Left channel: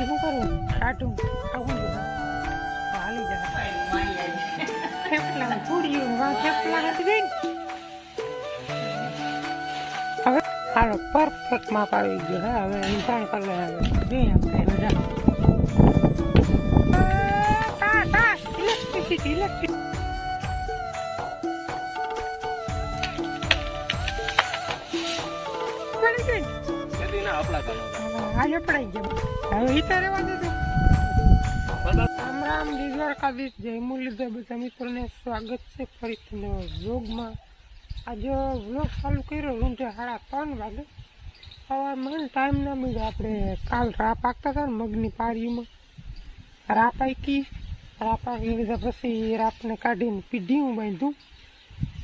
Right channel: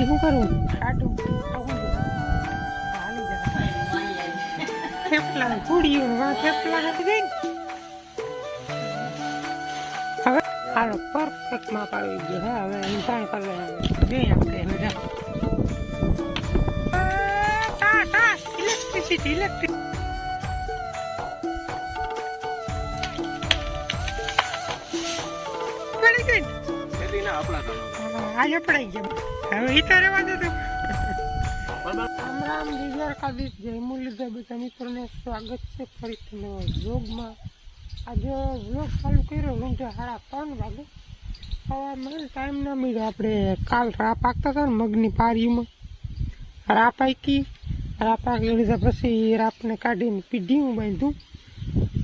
પછી શું કરવું કાઢું આવું હાલી જાય થેપલા ચૂડિયું થેપલા હતી ગઈ હવે હાલો પરફેક્ટ માપ આવી ગયો હા હવે ઇન્સાન કરવા જોઈએ આપણે બધા ઇલેક્ટ્રિક આજે પડાઈ ગયા હવે ઈતા રહેવા દે રામ રામ દ્વારકાધીશ જય મુરલીધર બધા મિત્રોને સ્વાગત છે ફરીથી નવા વ્લોગમાં આજે વ્લોગ ચાલુ કર્યો રૂંઢે 3:30 વાગે સવારમાં ટાઈમ ના મળ્યો આપણે કાલ રા પાકતા હતા ને મગની પારીમાં રા પાકી લીધા પછી રાપને કાઢીને પીઢીયું બાંધ્યું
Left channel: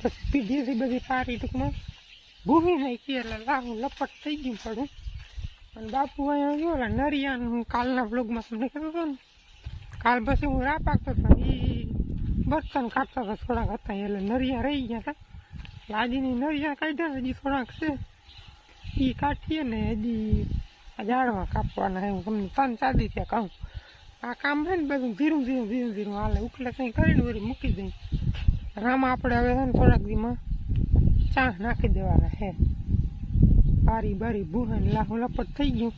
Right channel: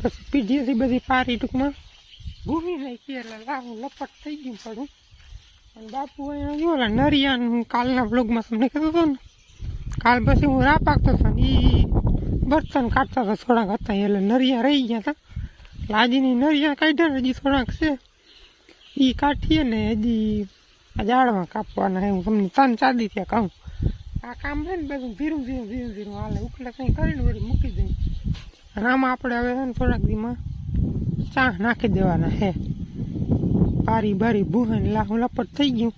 પછી પીઢીએથી બધી પારી ટૂંકમાં ભૂમી નાખી એટલે લાવું લપટ થઈ ગયું પડું અને બાપુ અહીંયા જોયેલા નરિયાનું કાલના વ્લોગમાં તમને કીધું હતું ને કાલ પછી હું રા પાકતો હતો એ બર્તન કાઢતા હતા થોડાક હતા એટલે નરિયા રહી ગયા હતા લાજીની નરિયા કાઢ્યા હજી થોડાક છે એ કાઢીએ ને હજી આ ઝાડવા કાપવાના હું તમને 3-4 ત્યાં કહું આ કામ છે ને બધું ધીરું હાલે ઉકલે કંઈ કરીને વળી મૂકી દઉં અને આમાં આપણે હવે છે ને થોડાક દીમાં ચા નાખી દેવાના હે બારી ભૂહાની લાહું લપટ થઈ ગયું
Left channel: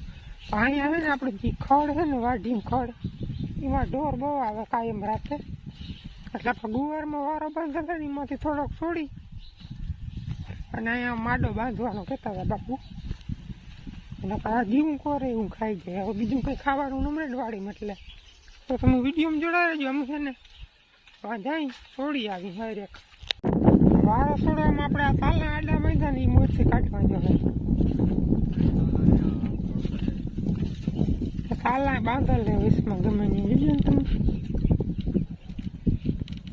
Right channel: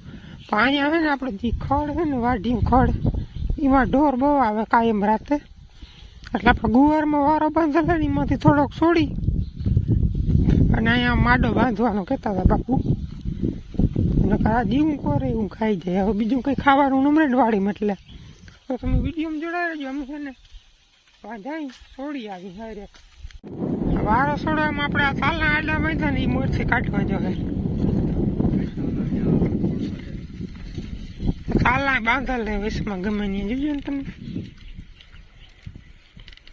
પણ અહીંયા છે ને આપણે જે ખડ છે ને વાઢીયું ખડ એમાં ઢોર બહુ આવે કાયમ રાતે એટલે આપણે ગુવારમાં વારો બાંધેલો એમાંથી થોડોક છોડી અને અહીંયા માડો બાંધવાનો કહેતા હતા બાપુ અને આ જીવું કરે એવું ખાઈ જાય હવે બીજું કંઈ ખાવાનું નમરે જ વાળીમાં એટલે તો તમે વિડીયોમાં જોડાઈ રહેજો અમે છે ને વાંધાઈ છોડી આવી હરેક વારો છોડવામાં આપણે આ તાલના આડા બાંધ્યા ને એ મોરથી કાઢવા જોઈએ તાલના બાંધેલ ને વિશમાં ગમે નહીં જોજો ને તમે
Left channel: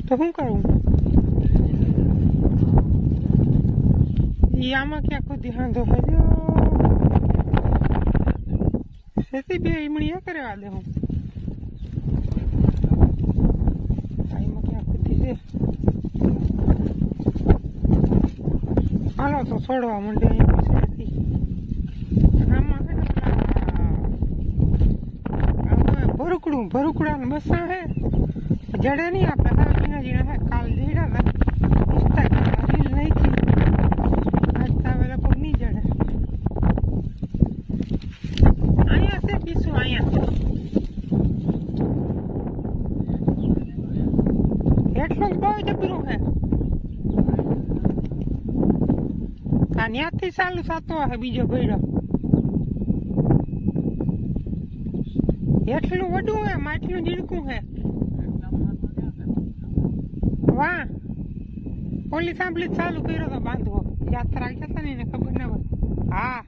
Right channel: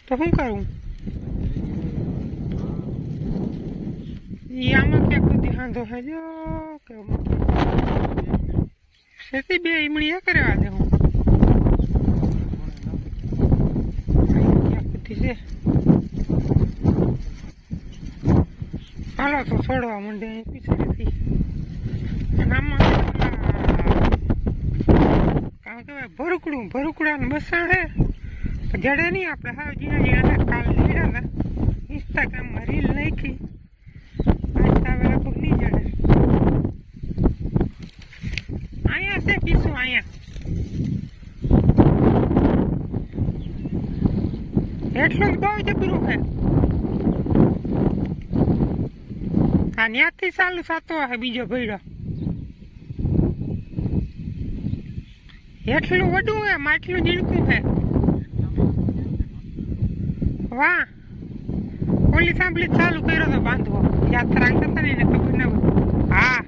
તો શું કરવું એ આમાં ક્યાંક સુધી હાંધો હજો સેતી બે ઈમણી એ કરવા દે હું ક્યાંક સુધી છે હાલો તો છોડવા માંડે અહીં આમાં ભરૂકડા ને બસા હે જડે નહીં આપણે હવે જીણા કાલ જીડા હતા ઇન્સ્ટાગ્રામમાં રીલ નાખી આજ તો હવે લગભગ નહીં જડે અહીંયા છે કીશું અહીંયા એટલું બહુ જબરું હે આ ત્યાંથી ચાલુ થતો હશે બીજો ભેડો એટલું વડું હે માટલું ઝીણકું હે વાહ ઓલી સાંભળી ચાલુ કર્યો તો બાંધવો યાત્રા થતા ને એને ખબર ના હોય હા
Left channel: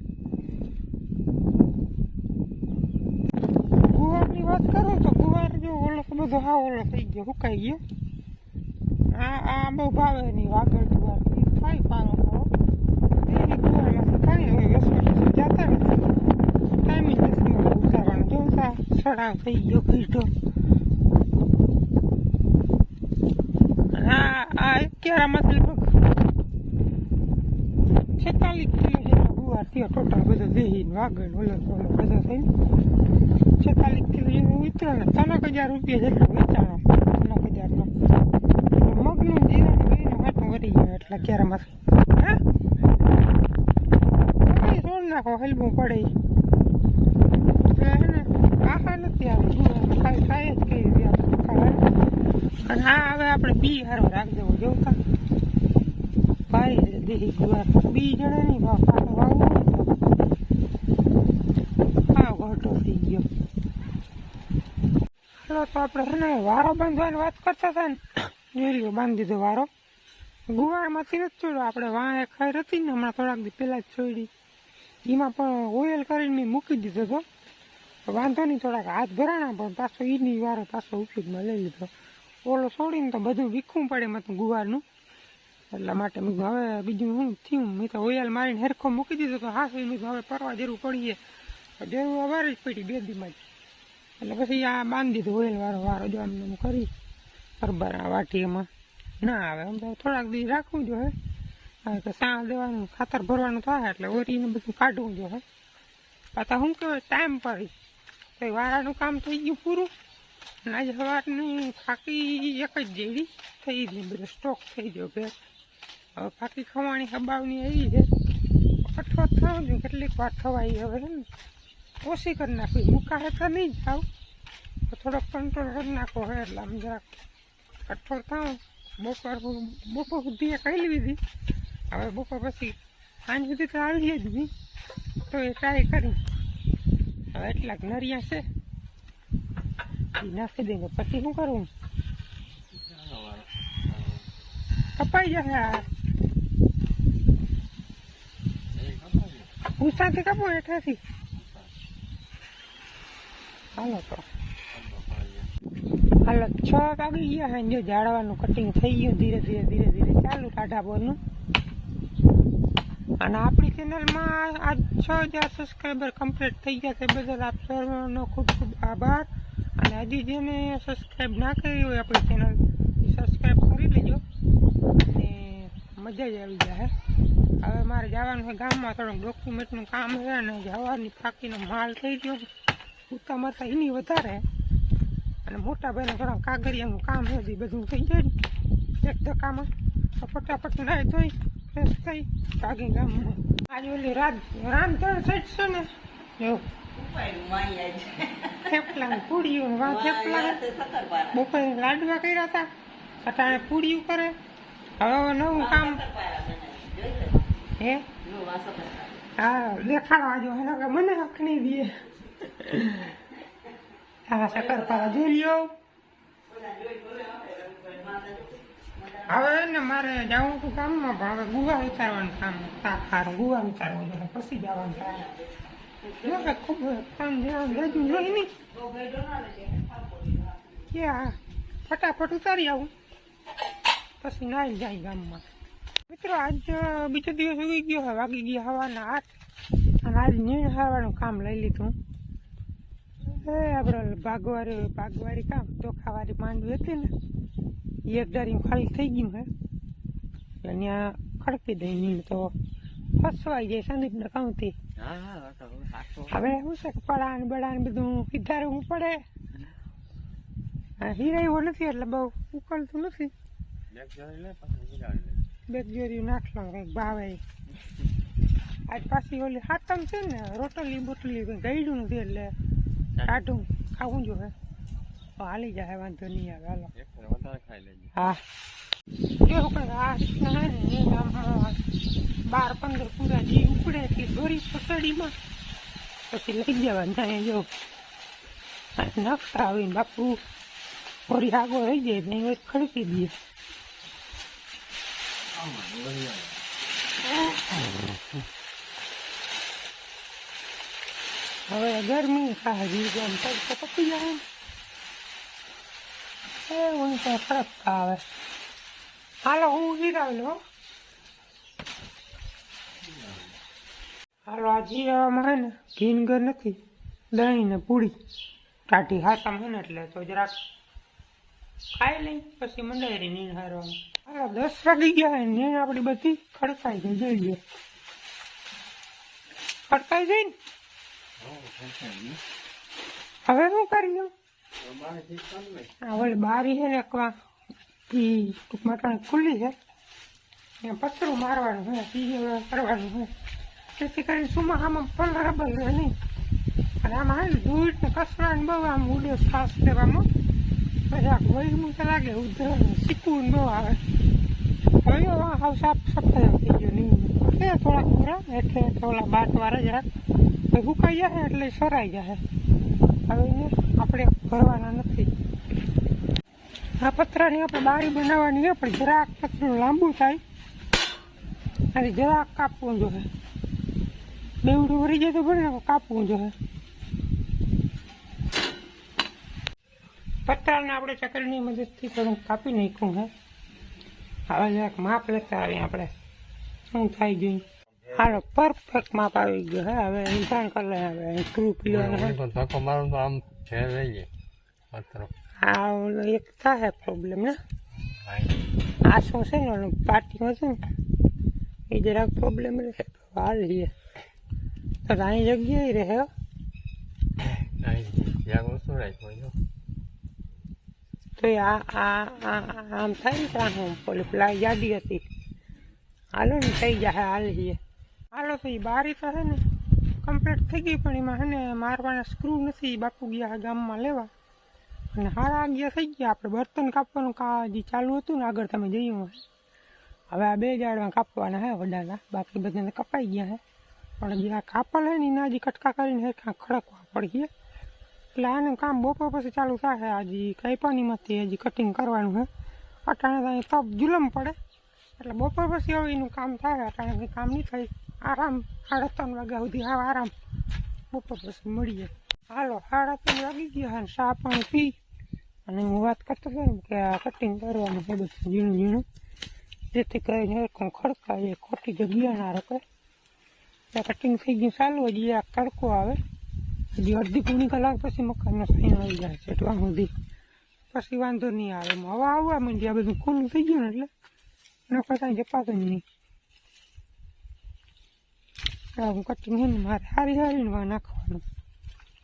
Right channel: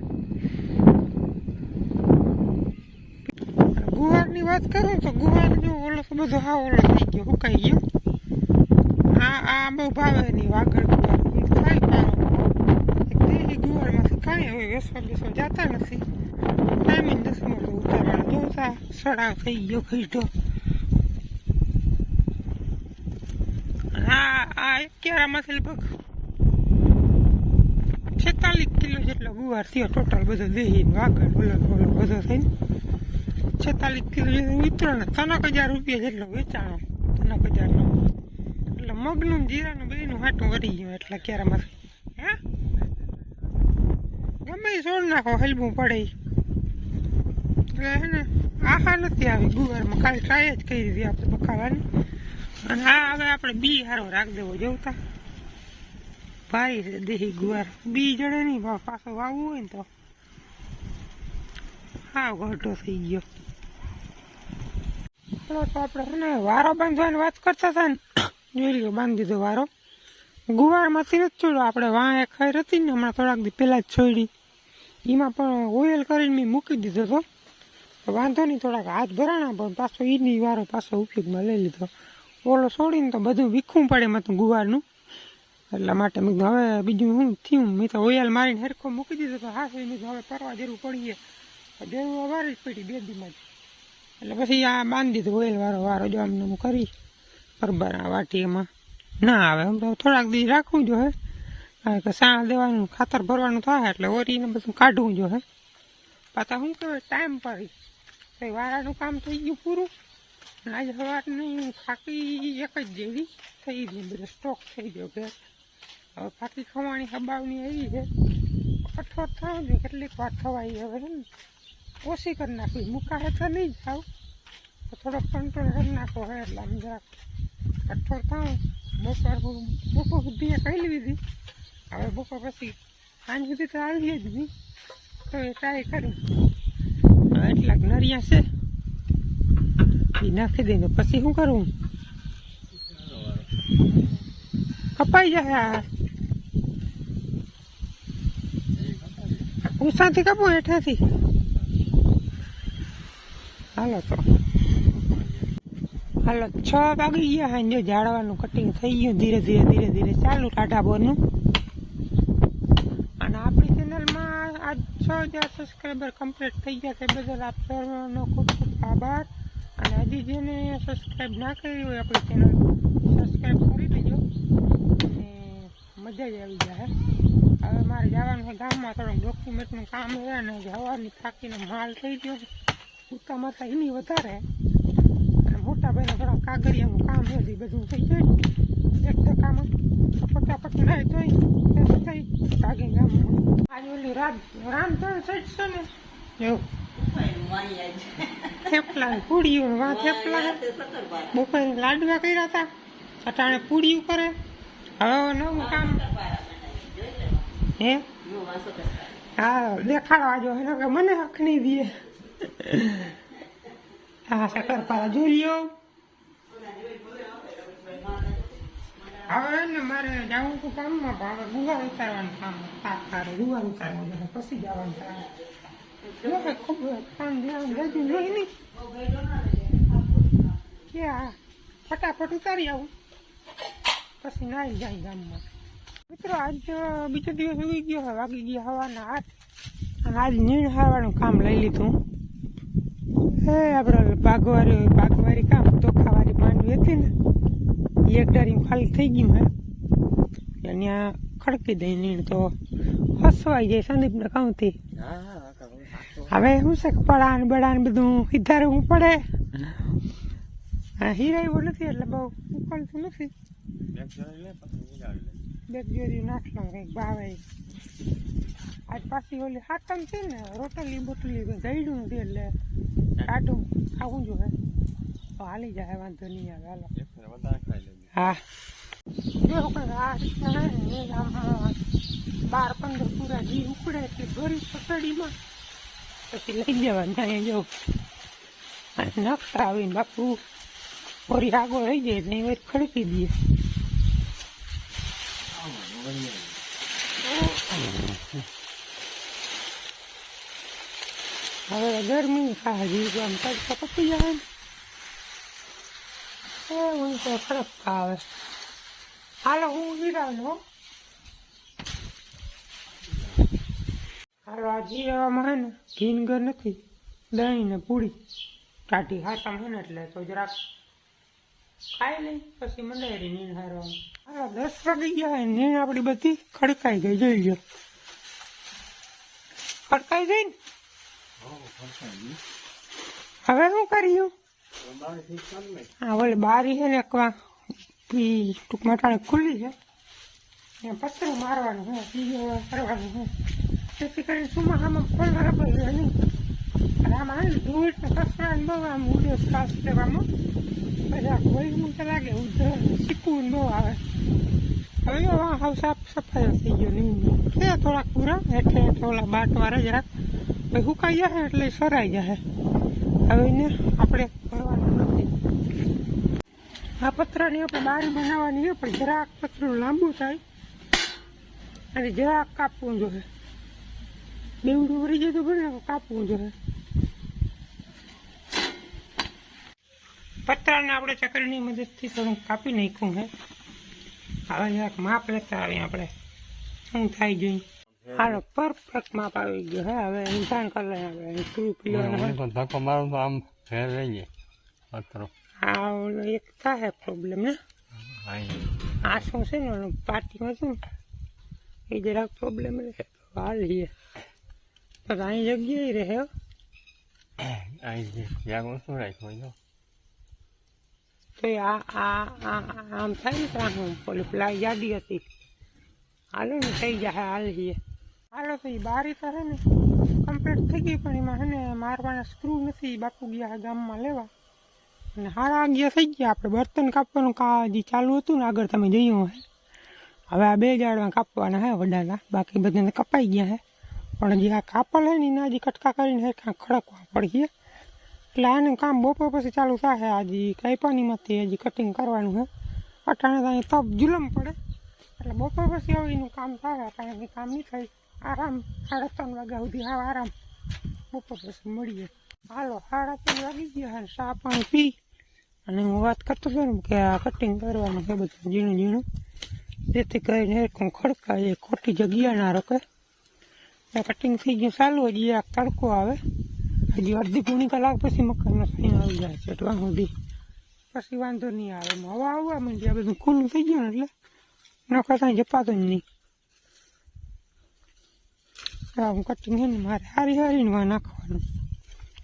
ગુવારની વાત કરું તો ગુવાર જો ઓલો તો બધો હા ઓલો થઈ ગયો સુકાઈ ગયો આ બહુ ભાવે નહીં વાગડ ગુવાર એ થાય પારો ગુવારમાંથી કાંઈ હોય વેસવા જતા નથી ટાઈમિંગ નથી મળે ઉતારવાનો જોતા સડાવ થઈ ગયો ખીટો આ એક કેરામાંથી લગભગ 46 કિલો જેટલો ગુવાર થયો ટોટલ બધો દેહીને વાગડ ઓલો બધો થઈને 46 કિલો જેટલો ઉતરો ને 3,000 રૂપિયા જેટલો વેચાણો 3,000 નો એટલે મગનું જીરાનું બેનું હાટું વરી ગયું એટલા કેરામાંથી હે ગમે છોડ નાખો હલવું પડે એટલે હે ને આહા નથી આવી ગુવારમાં ખાલી ટ્રાય જ કરી દીધી આપણે તો ખાવાની અને હા હવે આપણે બી હારો રાખ દેવો જોતા ભાઈ દેહી ગુવાર બી જડે નહીં પાછો વાવવું હોય તો હા ઘટો થઈ ગયો હાલો તો આપણે છે ને વારો બાંધવાની વાત કરતા હતા ને જોઈ લ્યો બાંધી દીધો વારો ગુવારમાંથી નથી છોડ્યો આપણે વાં એક ખૈર હતી ને હમણાં થોડાક દી પહેલાં જ છોડી એમાં પણ ઓઇલ કરીને મેં મૂકી દીધો હતો વાંધો નહીં થોડાક હાથ ભરાણા પણ પાછો એની વારો પાછો ઉપયોગમાં લઈ લીધો ઓલો છોડીને તો બધું વીખવું પડે એમાં તો ગુવારનું એટલા માટે મેં હવે બીજું શું થયું મેં તો ઓઇલ મારીને હરખો મૂકી દીધો તો હા મેં હવે પરવા જરૂર પડીએ જરૂર અવારે જ પડી 2 દીમાં જ એટલે પછી આ બાંધી દીધું ઓઇલ વારો જો આમને હું કરી બરાબર આ વાટી એમાં ના આવે એમ તો થોડાક દી રાખવું જોઈએ હવે કે સાણ દેવાનું ખાતર ભરવાનું થાય એટલે ઓરીને બધું કાઢવું જોઈએ પાછા શું કહેવાય ટાઈમ પડી તો વાળાનું કામ થઈ ગયું પૂરું. અને આજે સવારની ફાકી એક જ જેવી થઈ ગઈ, બધો સ્ટોક થઈ ગયો ભેગ. હવે ફાકી ખવાણી હબાવની આવી છે, કઠોળ થવું જોઈએ કેટલીક વાર ખવાઈ. હવે છે ને ઓછી કરી નાખવી, મૂકાશે તો નહીં ખાવ, તો થોડોક કંટ્રોલ કરી નાખો. હવે એટલે આમ જરાક કઠોળ થાવ. બપોર સુધી એ કહી લીધી, હવે બપોર પછી સાંજ સુધી તો આવીએ જ નહીં, તો એ ટ્રાય કરી. હવે એટલાક નરિયા છે એ નાખી દઈને પછી શું કરવું? કપાઈ જાય. હવે ઉષાથી કપું હેઠેથી. હાલો તો હાલો 6 વાગી ગયા હોય. જો ઝાડવાનું કટિંગ થઈ ગયું ધીરે ધીરે ચાલુ ટાઢા બોરનું. અને આપણી ચેનલમાં આજ 6000 સબસ્ક્રાઈબર કમ્પ્લીટ થઈ ગયા. તે બદલ આપ સર્વનો ખૂબ ખૂબ આભાર. અને હજી જેને સબસ્ક્રાઈબ ના કરી હોય આપણી ચેનલ, સબસ્ક્રાઈબ કરી લેજો. અને મજા જ આવી જાય. હવે મારે જવાનું છે ગામમાં, થોડુંક ડોક્યુમેન્ટનું કામ છે. અને જવાની થાકીનો માલ થઈ ગયો છે, ઉતા માતા એની વધારે. અને મોટા ભાઈને થોડા કાગળિયાનું કામ છે, બધું થઈ જાય એક ધક્કામાં. તો ફટાફટ નાહી ધોઈ ફ્રેશ થઈ ભાગી ગામમાં. આજે ઓલી રાંધણ સેટ છે ને એવું થેપલા પૂડીયું, વા થેપલા બપોરે લાડવા કર્યા હતા, અટાણે પૂડીયું કરે. હવે નવું કામ હે હા દેખાડવા જો કે મને હક નહીં દે. હા શક્કરપારા જોઈ લ્યો. હવે ને મારે જવું હતું ગામમાં, પણ હવે ગુવા ઉતારવાનું કામ સારું ગુવા ઉતારવાનું એટલે પછી જવાનું થાય. ખૂબ કામ ધ્યાન રજૂ જોઈ નહીં કે હા ફટાફટ ઉતારી આવું પછી નાઈ જાય ગામમાં. મિત્રો આજ બીજો દિવસ ઉગી ગયો હોય, વાગી ગયા સવારના 8. અને આજ નીણ હારવાનું કામ લઈ લીધું. એ આપણે બાગવારી કામ ચોખાવાળી માંડવી હતી ને, એક ડારી ખાલી થઈ ગયું હે, ત્યાં ખડકી દઈ નીણ તો ફસવાઈ જાય સંદીપને કહુંથી. હવે શું છે પડાને બડાને બધું સીધારવું પડે. હીરાયું નથી એટલે બહુ ઉકળતું નથી. બેગજેરી નાખવાનું કંઈક ભાવે. આજ પાછી ઓલી હાથમ છે ને, રોટલી બોટલી ગયડું નથી એટલે ટાઢું ખાવું જોઈએ તો હાલી જાય, વાંધો નહીં આવે. હાલો હા જો કંઈક આ રીતના હે ને આમ 12-15 પૂરા જી ઉપડે એટલી દોરી પસડીમાં પછી લઈ જવાનું ત્યાં જો નકશા આવીને બાપુ થોડી આગળ રહી જાય એટલે એ ખડકી દઈએ. હવે ગરમી ખાવી આમ તડકો પતી જાય ને એવું તો ફરક આવે. હાલો હું હીરાવેલો. હાલો આ જીવામાં હે ને ભીનગર નથી, દહીં ને પૂરી ટાઢી હાથમ હે ને એટલે તો જરાક ખાઈ લઈ પછી મંડાયેરી નીણ હારવાનું. હાલો 10 વાગી ગયા હોય, નીણ આપણી બધી ખડકાઈ ગઈ જોઈ લો. ખડકાઈ ગઈ ને હવે શું કર્યું? હા ઓલી બારી છે ને ટૂંકમાં ટાણે ખુલ્લી છે, ત્યાં પતરું મારવાનું છે, સીધું કરવાનું છે. તેથી કરીને સુમાહામાં પંદર ભાઈ નહીં. અને આમાં આવે ધૂળ ને કચરાને બહુ આમ ઉડે શ્વાસ લેવામાં પછી આ ભોયનું તો લાગે ઉધર શીખવું બહુ આવે. જોયો હાવ સાફ સફાઈ થઈ ગયો નહીં છે થોડાક પૂરા હેઠે હેઠે ઓલા બાટવાળા જરાક પછી સુકાઈ જાય એટલે સરાઈ જાય. હવે એને આપણે ભરવાના નથી. આ પતરાની આપણે બારી બનાવવાની છે, પણ જરાક પતરું લાંબુ થાય અને જરાક કાપવું જોઈએ. બેવડું વળી જાય તો ભલે કાપવું જોઈએ. પતરાને આપણે ચકરીની મદદથી થોડુંક કાપી નાખ્યું હે. હવે જરાક માપ લેતા આવીએ આપણે શું થાય જોઈએ. હાલો પરફેક્ટ માપ આવી ગયો હે. હવે ઇન્સાન કરી લે. હવે સ્ક્રૂ પીવાનો ધક્કો મારું તો આમ ફેર રહી જાય પતરો. હા ઓલો એક થાય પ્રોબ્લેમ ને આ શું છે ને ઓલું પાટીમાં છે ને એ જરાક પ્રોબ્લેમ રહે તો હાલીએ તો અહીં જગ્યાએ રહે. તો આમ થાય ને ત્યાં હું પેલી પ્લાય જાડી હતી હાલો ને થઈ જાય હાલ છીએ હાલો તો એ બારી તો છે ને કમ્પ્લીટ થઈ ગઈ પણ એમાં છે ને મારવાના સ્ક્રૂ નથી બાપુ ગયા ગામમાં લેવા અને હારા ગયા થઈ ગયા આપણે બર્તન કાપવાનું હજી ચાલુ હતું ને આગળ તમે જોયું હે હવે આ 2 જાડવા કાપવાના હે વડાના બાકી બધાને કપાઈ ગયા હે પણ હજી આ કાપલ હે ને એના હજી કટકા કરીને ખડકવા પડીએ એટલે આનું કામ બપોર પછી ચાલુ થાય હજી કાંઈપાનીમાંથી હજી કટિંગ કરવાનું હે અટાણે તો અહીં તપ જુલમ પડે એટલે બપોર પછી હવે એનું કામ થાય અટાણે કામ નહીં થાય આરામ 3:30 વાગ્યા સુધી હા આરામ બપોર પછી મળીએ હાલો 3:30 વાગી ગયા અને ચા પાણી પી અને હું વાત કરતો હતો ને કે આ કટિંગ કરવાનું છે બધું ઝીણું ઝીણું જેથી કરીને એક ખડકાય એ ખોટી જગ્યા ના રોકે એ કટિંગ થઈ ગયું ચાલુ હજી આ તડકો આવે હજી અડધી પોણી કલાક પછી મકાનનો સાઈન આવી જાય છે એટલા સુધી પછી વાંધો નહીં આવે હવા આવવા માંડી આ બધું ખુલ્લું થઈ ગયું ને એટલે નખો કાંઈ જપાતું જ નહીં હું કટિંગ છે ને મારે હારીને નાખવાનું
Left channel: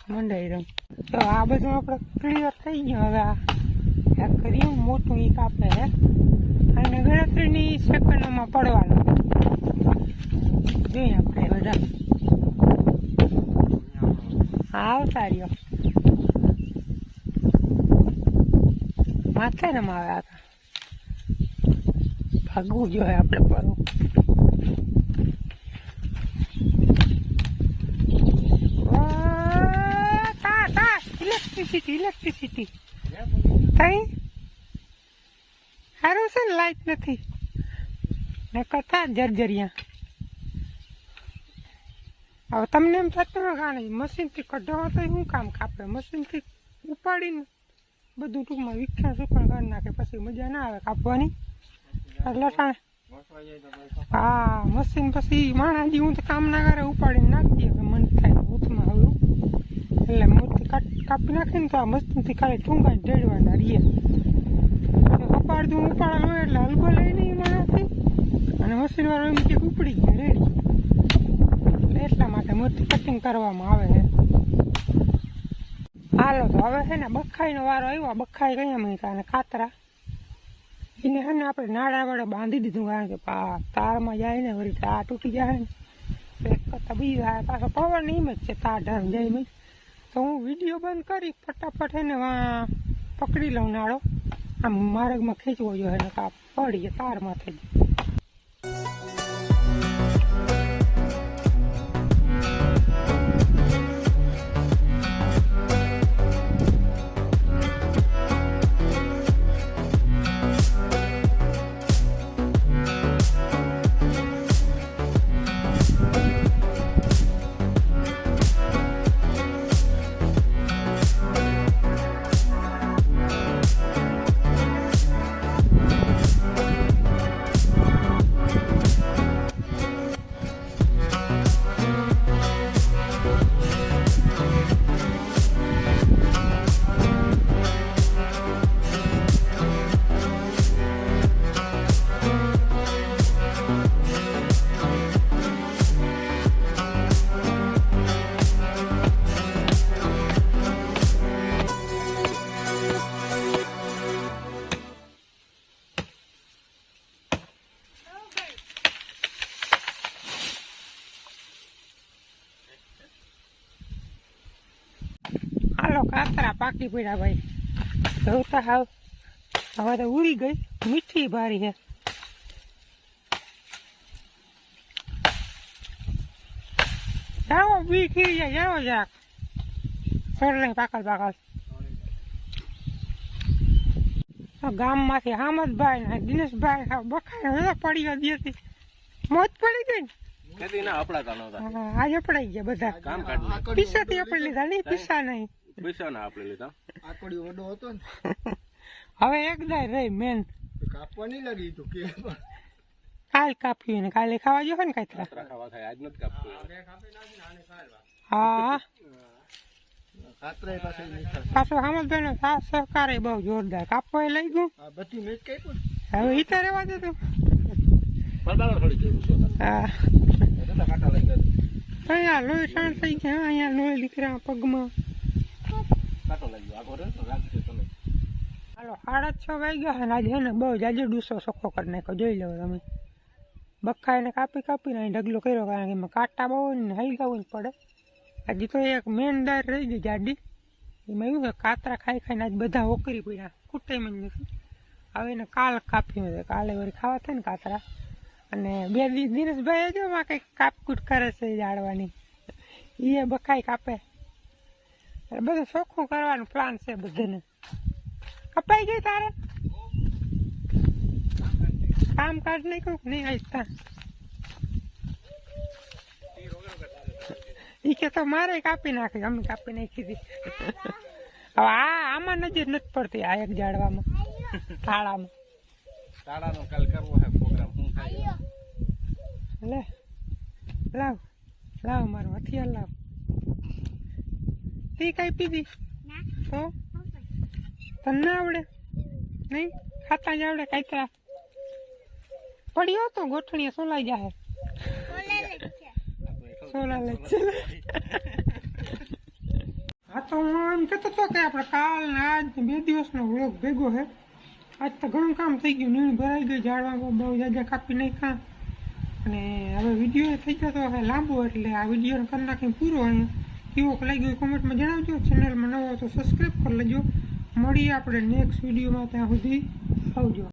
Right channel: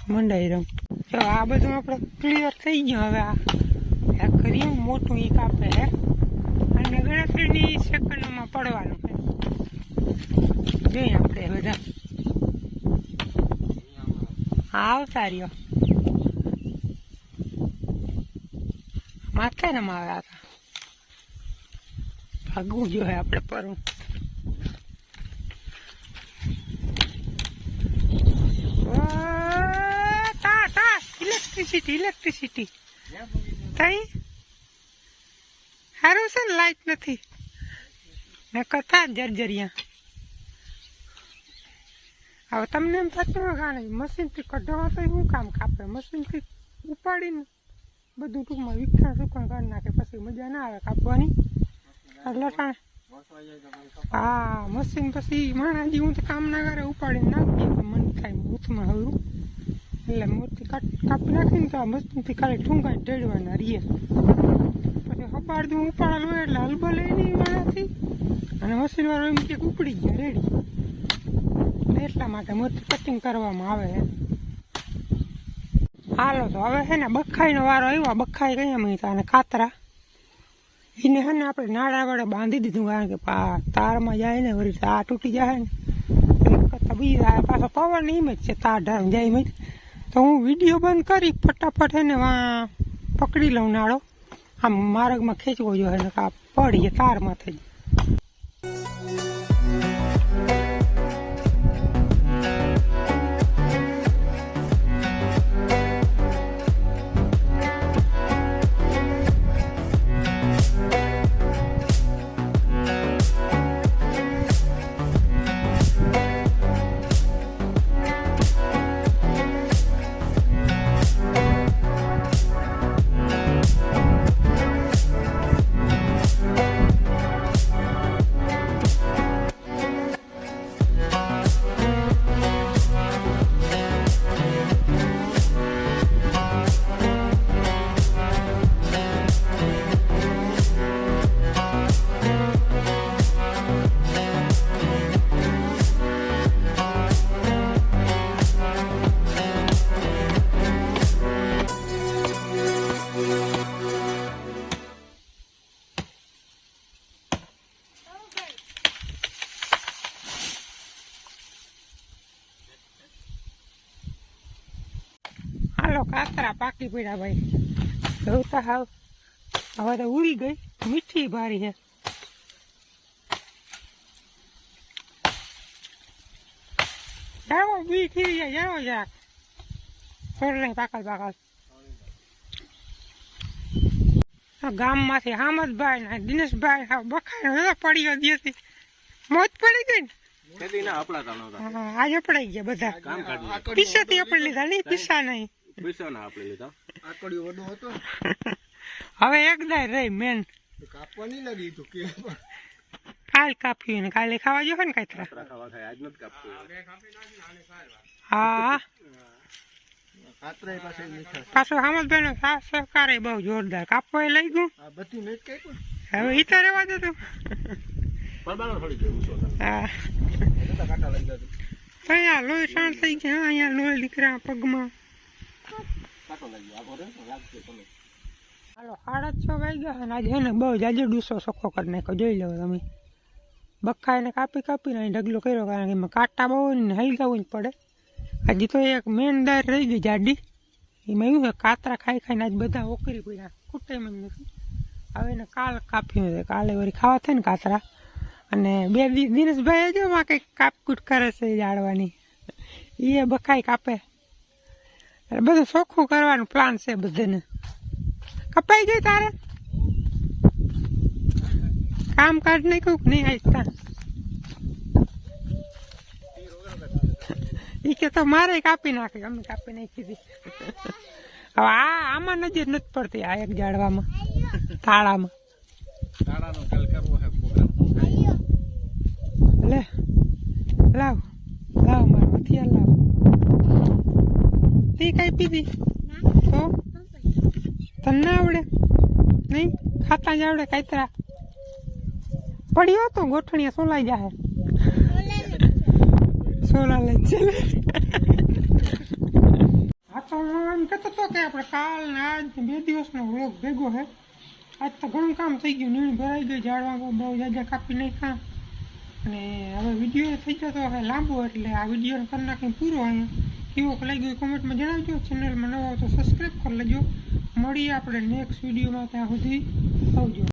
મંડાઈ રહું તો આ બધું આપણે ક્લિયર થઈ ગયું હવે આ કરીએ મોટું એ કાપે હે અને ગણતરીની સેકન્ડોમાં પડવાનું જોઈએ આપણે બધા હા આવતા રહ્યો માથે ને મારે હતા ભાગવું જોઈએ આપણે પરવું ઇલેક્ટ્રિસિટી કઈ સારું છે ને લાઈટ નથી ને કથા જર્જરિયા હવે તમને એમ થતું હોય કારણ મશીનથી કઢાવા તો શું કામ કાપે મશીનથી ઉપાડીને બધું ટૂંકમાં વિખ્યા સુકણ કરી નાખે પછી મજા ના આવે કાપવાની એટલે હા મશીન પછી માણાજી હું તો કામ ના કરે ઉપાડીને નાખી દઈએ તો મન થાય ઉથમાં હવે એટલે મોટી કાપી નાખીને તો આ મશીનથી ખાલી ઠૂંગાઈને ઢેડવાના રહીએ ઉપાડતું ઉપાડેલું હોય એટલે હલકો લઈ નહીં માણાથી અને મશીનવાળો એમ કે ઉપડી ગયા રેડી એટલા માટે મોટી કટિંગ કરવામાં આવે છે હાલો તો હવે છે ને બખાઈનો વારો આવ્યો બખાઈ ગયા મહિતા અને કાતરા એને છે ને આપણે નાડા વડે બાંધી દીધું કારણ કે તારમાં જાય ને વળી આ તૂટી જાય ને કરતાં બીજા પાછો પવન એમ જ છે તાર ઢાળ જાય એમ જ તો હું વિડીયો બંધ કરી ફટાફટ એને પકડી લઉં નાડો આમ માર્ગમાં ખેંચવો જોઈએ ને આ પડીએ તારમાં થઈ હાલો કાતરા પાકી પડ્યા ભાઈ જોતા હાવ હવે તો ઉડી ગઈ મીઠી ભારી છે જાઓ બી ખીરી જાય જાઓ જરાક સર પાકલ ગામમાંથી હામદભાઈ ને દિનેશભાઈ બખાય પડી હતી મોજ પડી ગઈ ને આજે પડાઈ ગયા બધા પીસા થી આપણે લીધા નહીં પીસા નહીં હવે એક દાય રહી મેન કાપવા નહીં લાગી તો કે કાલ કાપ્યું ને કાલે ખાવા જો ને કાતરા હા પાછો હામદભાઈ નો સાથ સહકાર બહુ જોરદાર કાપવા લઈ ગયું હવે ઈ તો રહેવા દે તું હા અહીંયા લોહી શાંત થઈ ગયા અહીંયા લોહી દીકરા પગમાં હાલો 6:30 વાગ્યા છે ને આજે એને બહુ જાજો ડૂસો ચોખ્ખો કરી નાખ્યો. જોઈ લો તમે, બક્કાઈને કાપીને અહીં ઢગલો કર્યો, કારણ કે એમાં કાંટા બહુ ને હલગાવું જ પડે. હજી તો એક મેન દાર રહી ગઈ જાડી, એમાં એવું છે કાતરા ખાઈને આજ બધા ઓકરી પડ્યા, કુટાઈમાં જ નથી. હવે એને કાલ કાપ્યું છે, કાલે વળી ખાવા થાય ને કાતરા. અને 2 દિવસ દિનેશભાઈ જો માં કંઈક કાપકૂટ કરે છે જાળવાની, એ બકાઈ કાપે. બધું ચોખ્ખું કરવાનું પ્લાન છે બધાને. કપાઈ ગઈ તારે કામ કાઢ નાખ્યું કે નહીં? આજ એ કે તો મારે કાપી નાખી, અમે કાપી નાખી હતી. હવે આમાં નજર નથી પડતી, આ એક ઝાડવામાં તાળામાં. લે લાવ મારો હથિયાર લાવ. તે કઈ પીધી તો તને ના આવડે? નહીં ખાતા જ આવડે કાતરા. પડ્યો તો ગોઠણીયા સોલાઈ જાય. સોલા લે છે. હા તો હું એમ કહેતો હતો કે આપણે કાલ ને આજ 2 દિવસનો વ્લોગ ભેગો છે. આજ તો ઘણું કામ થઈ ગયું, નીણ ભરાઈ ગઈ, ઝાડવા બહુ જાજા કાપી નાખ્યા. અને હવે વિડીયો થઈ જતો હવે લાંબો, એટલે આ વિડીયોને કરી નાખીને પૂરો. અહીંયા કેવો લાગ્યો કોમેન્ટમાં જણાવજો. ચેનલમાં નવો તો સબસ્ક્રાઈબ કરી લેજો. મળીએ આપણે નેક્સ્ટ વિડીયોમાં, ત્યાં સુધી આવજો.